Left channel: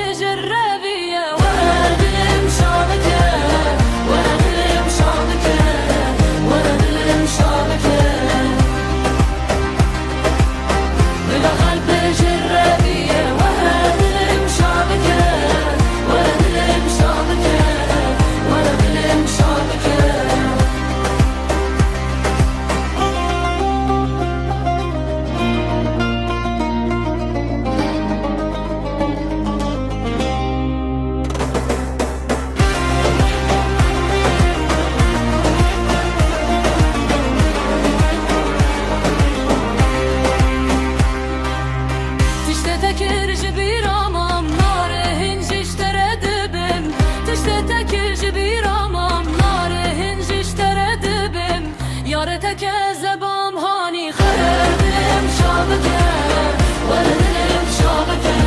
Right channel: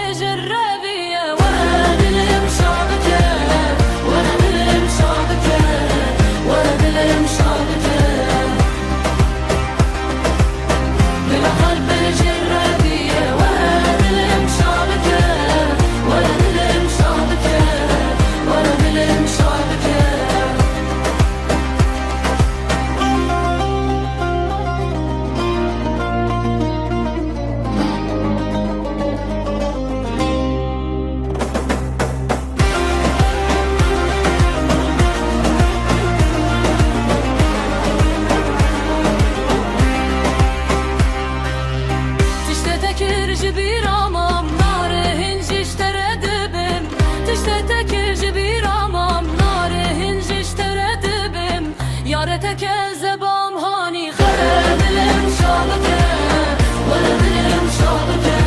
بجرابية ورد المشابكة ورد المشابكة ورد المشابكة بالآخر بجرابية ورد المشابكة ورد المشابكة ورد المشابكة تشتتكر جبير امام نار هنج اشترى دبم تشتتكر جبير امام نار هنج اشترى دبم يارتك زبام هاني خرب المشابكة ورد المشابكة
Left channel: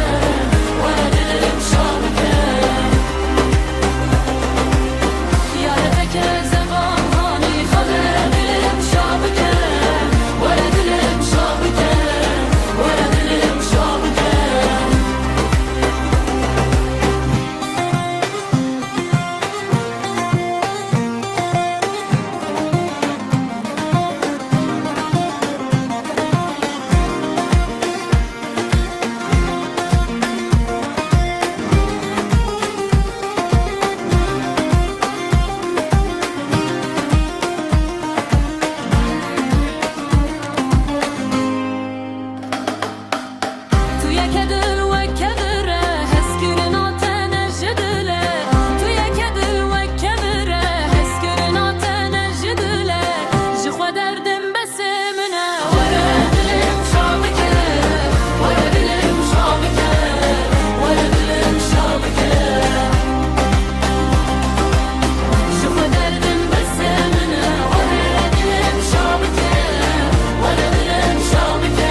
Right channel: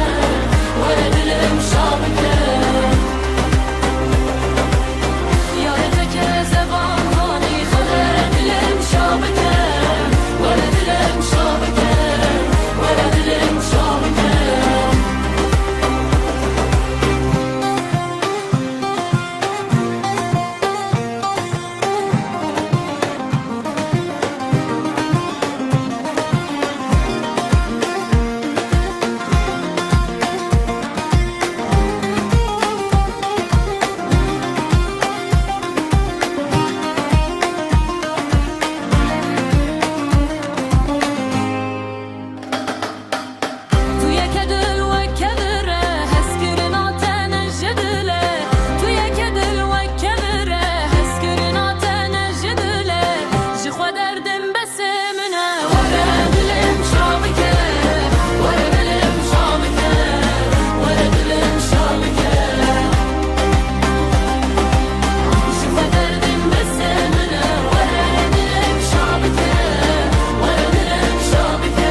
ورد المشابكة يارتك زبام هاني خرب المشابكة ورد المشابكة ورد المشابكة كدل وكبره هسكرنا تنجدله تويا كدل وكبره هسكرنا تنجدله جخوا دردم بس منه ورد المشابكة ورد المشابكة ورد المشابكة جخوا دردم بس منه ورد المشابكة ورد المشابكة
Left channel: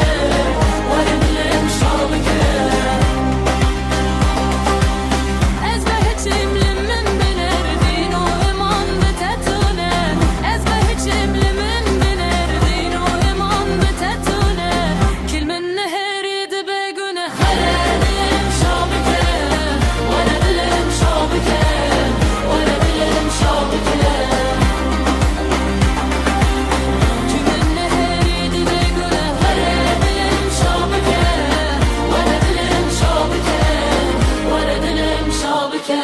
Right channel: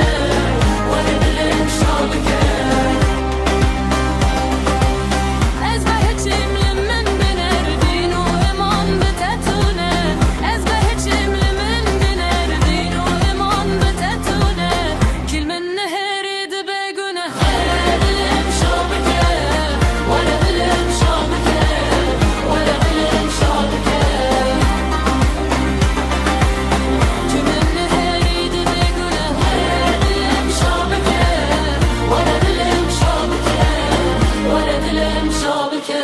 ورد المشابكة ورد المشابكة